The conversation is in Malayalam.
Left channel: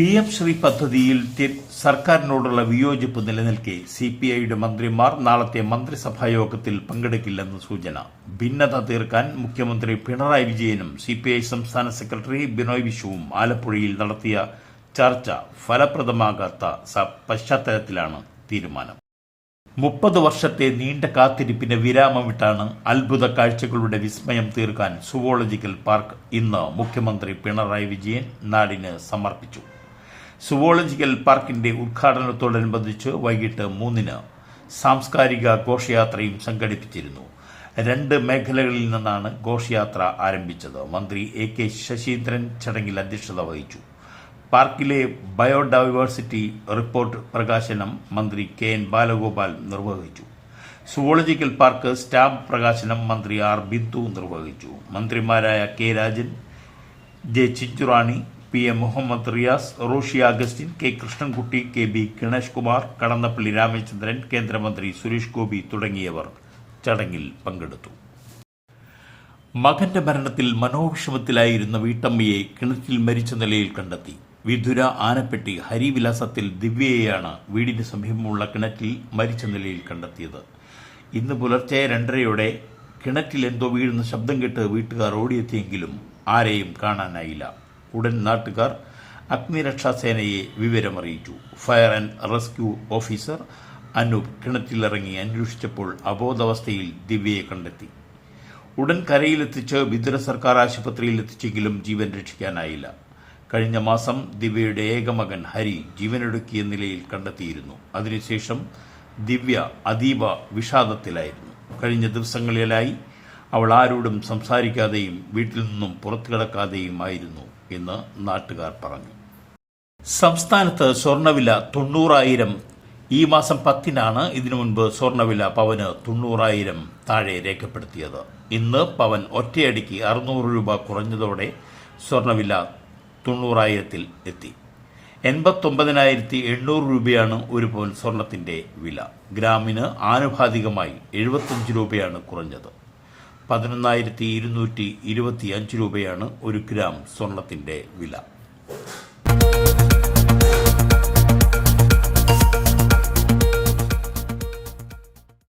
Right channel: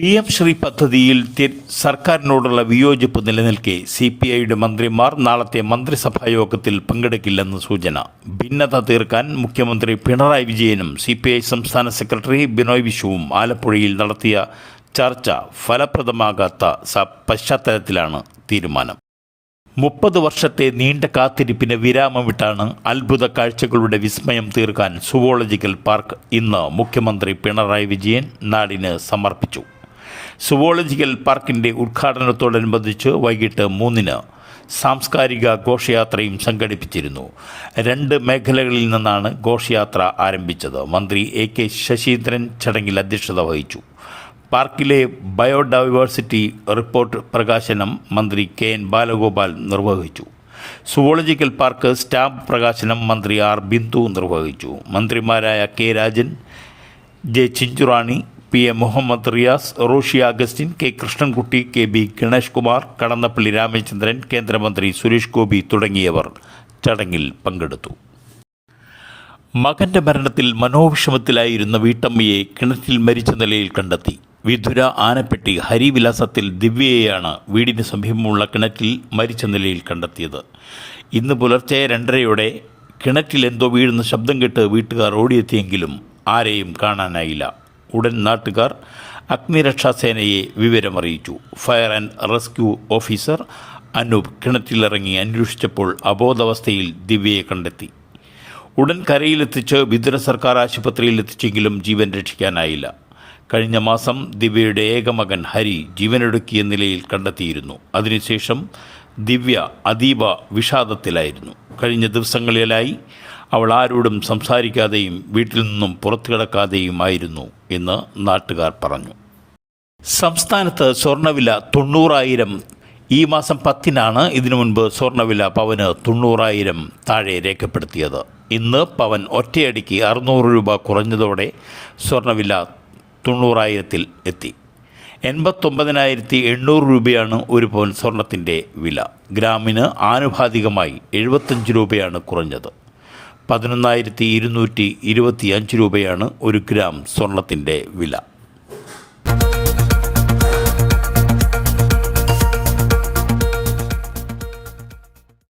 PM ശ്രീ പദ്ധതിയിൽ സർക്കാരിനോടുള്ള വിയോജിപ്പ് നിലനിൽക്കെ CPIയുടെ മന്ത്രിമാർ നാളത്തെ മന്ത്രിസഭാ യോഗത്തിൽ പങ്കെടുക്കില്ലെന്ന് സൂചന. ഭിന്നത തീർക്കാൻ മുഖ്യമന്ത്രി പിണറായി വിജയനും CPI സംസ്ഥാന സെക്രട്ടറി ബിനോയ് വിശ്വവും ആലപ്പുഴയിൽ നടത്തിയ ചർച്ച ഫലപ്രദമാകാത്ത പശ്ചാത്തലത്തിലാണ് തീരുമാനം. 30 വർഷത്തെ നീണ്ട കാത്തിരിപ്പിന് വിരാമമിട്ടാണ് അത്ഭുത കാഴ്ചകളുടെ വിസ്മയം തീർക്കാൻ സുവോളജിക്കൽ പാർക്ക് ഇന്ന് മുഖ്യമന്ത്രി പിണറായി വിജയൻ നാടിന് സമർപ്പിച്ചു. സുവോളജിക്കൽ പാർക്കിൻ്റെ ഉദ്ഘാടനത്തോടനുബന്ധിച്ച് വൈകിട്ട് 3-ന് സാംസ്കാരിക ഘോഷയാത്രയും സംഘടിപ്പിച്ചിരുന്നു. 2 മേഖലകളിൽ നിന്നാണ് ഘോഷയാത്ര ആരംഭിച്ചത്. മന്ത്രി AK ശശീന്ദ്രൻ ചടങ്ങിൽ അധ്യക്ഷത വഹിച്ചു. പാർക്കിലെ ബയോഡൈവേഴ്സിറ്റി റിപ്പോർട്ട് പ്രകാശനം മന്ത്രി KN ബാലഗോപാൽ നിർവഹിച്ചു. സുവോളജിക്കൽ പാർക്ക് സ്റ്റാമ്പ് പ്രകാശനം മന്ത്രി R ബിന്ദു നിർവഹിച്ചു. മന്ത്രിമാരായ K Rajan, J Chinchurani, PM Muhammad Riyas, Roshy Augustine, K Krishnankutty, KB Ganesh Kumar, Kadannappally Ramachandran, കേന്ദ്രമന്ത്രി സുരേഷ് ഗോപി തുടങ്ങിയവർ ചടങ്ങിൽ പങ്കെടുത്തു. മകന്റെ മരണത്തിൽ മനോവിഷമത്തിലായിരുന്ന വീട്ടമ്മയെ കിണറ്റിൽ മരിച്ച നിലയിൽ കണ്ടെത്തി. വിധുര ആനപ്പെട്ടി ഹരിവിലാസത്തിൽ ദിവ്യയെയാണ് വീടിന് സമീപമുള്ള കിണറ്റിൽ മരിച്ച നിലയിൽ കണ്ടെത്തിയത്. ഇന്ന് പുലർച്ചെ 2:30-യോടെ കിണറ്റിൽ എന്തോ വീഴുന്ന ശബ്ദം കേട്ട് വീട്ടുകാർ ഓടിയെത്തിയെങ്കിലും ആരെയും കാണാനായില്ല. ഉടൻ നാട്ടുകാർ അഗ്നിരക്ഷാസേനയെ വിവരമറിയിച്ചു. Fire and rescue officer Anoop കിണറ്റിലിറങ്ങി അന്വേഷിച്ചപ്പോൾ അബോധാവസ്ഥയിൽ ദിവ്യയെ കണ്ടെത്തി. ഉടൻ കരയിലെത്തിച്ച് വിതുര സർക്കാർ ആശുപത്രിയിൽ എത്തിച്ചെങ്കിലും ജീവൻ രക്ഷിക്കാനായില്ല. കഴിഞ്ഞ മാസം ദിവ്യയുടെ ഏകമകൻ ഹരി ജീവനൊടുക്കിയ നിലയിൽ കണ്ടെത്തിയിരുന്നു. അതിനുശേഷം ദിവ്യ അതീവ വിഷാദത്തിലായിരുന്നു. കഴിഞ്ഞ ദിവസങ്ങളിലായി അവൾ ആരോടും സംസാരിക്കാതെയും വീട്ടിൽ നിന്നും പുറത്തു കിടക്കാതെയുമായിരുന്നു എന്ന് നാട്ടുകാർ പറഞ്ഞു. സംസ്ഥാനത്ത് സ്വർണ്ണവില 90,000 ഈ മാസം 10-നാണ് ഇതിനു മുൻപ് സ്വർണ്ണവില പവന് 90,000 താഴെ രേഖപ്പെടുത്തിയത്. ഇന്ന് പവൻ ഒറ്റയടിക്ക് 600 രൂപ കുറഞ്ഞതോടെ സ്വർണ്ണവില 90,000-ൽ എത്തി. 89,800 രൂപയാണ് ഒരു പവൻ സ്വർണത്തിൻ്റെ വില. ഗ്രാമിന് ആനുപാതികമായി 75 രൂപയാണ് കുറഞ്ഞത്. 11,225 രൂപയാണ് ഒരു ഗ്രാം സ്വർണത്തിൻ്റെ വില.